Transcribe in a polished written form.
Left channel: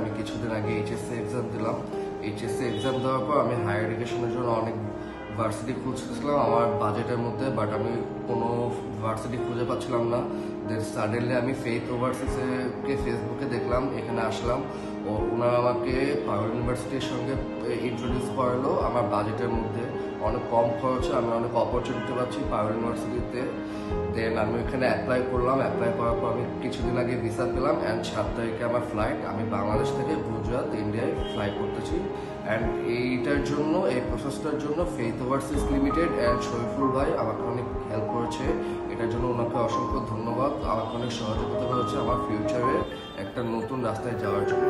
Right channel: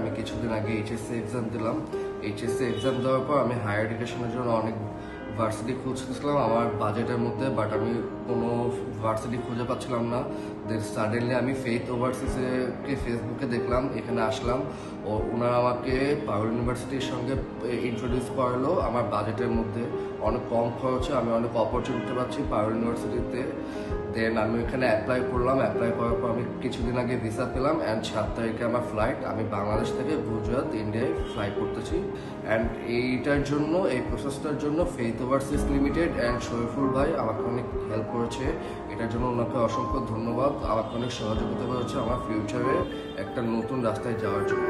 আমি কিছুদিন আগে এইচএসসি এক্সাম দিলাম। এইচএসসি এক্সাম দেওয়ার পর আমি হায়ার এডুকেশনের জন্য অনেক ভার্সিটি খুঁজতেছিলাম আমার বাজেটের মধ্যে, বাট আমি কোনো ভার্সিটি খুঁজে পাচ্ছিলাম না। দেন সাডেনলি আমি ফেইথ ওভারসিজকে ফেসবুকে দেখলাম, এখানে আসলাম। ওনারা আমাকে পারুল ইউনিভার্সিটির সঙ্গে ইন্ট্রোডিউস করালো আমার বাজেটের মধ্যে। অনেক কম খরচে আমি অনেক অপরচুনিটি পাচ্ছি পারুল ইউনিভার্সিটিতে। দেন আমি ওখানে অ্যাপ্লাই করলাম। অ্যাপ্লাই করার পর আমি কিছুদিন আগে ভিসা পেলাম অ্যান্ড 7 তারিখে আমার ফ্লাইট। আমি বাংলাদেশ থেকে গুজরাট ইন্ডিয়ায় ফ্লাই করতেছি। অ্যান্ড এইটার জন্য, এই প্রসেসটার জন্য faith overseas limited and Shariful ভাই আমাকে অনেক হেল্প করেছে। এটার জন্য ওনাকে অসংখ্য ধন্যবাদ। আমাকে অনেক সহযোগিতা করেছে আমার ফিউচারে একটা নতুন রাস্তায় যাওয়ার জন্য।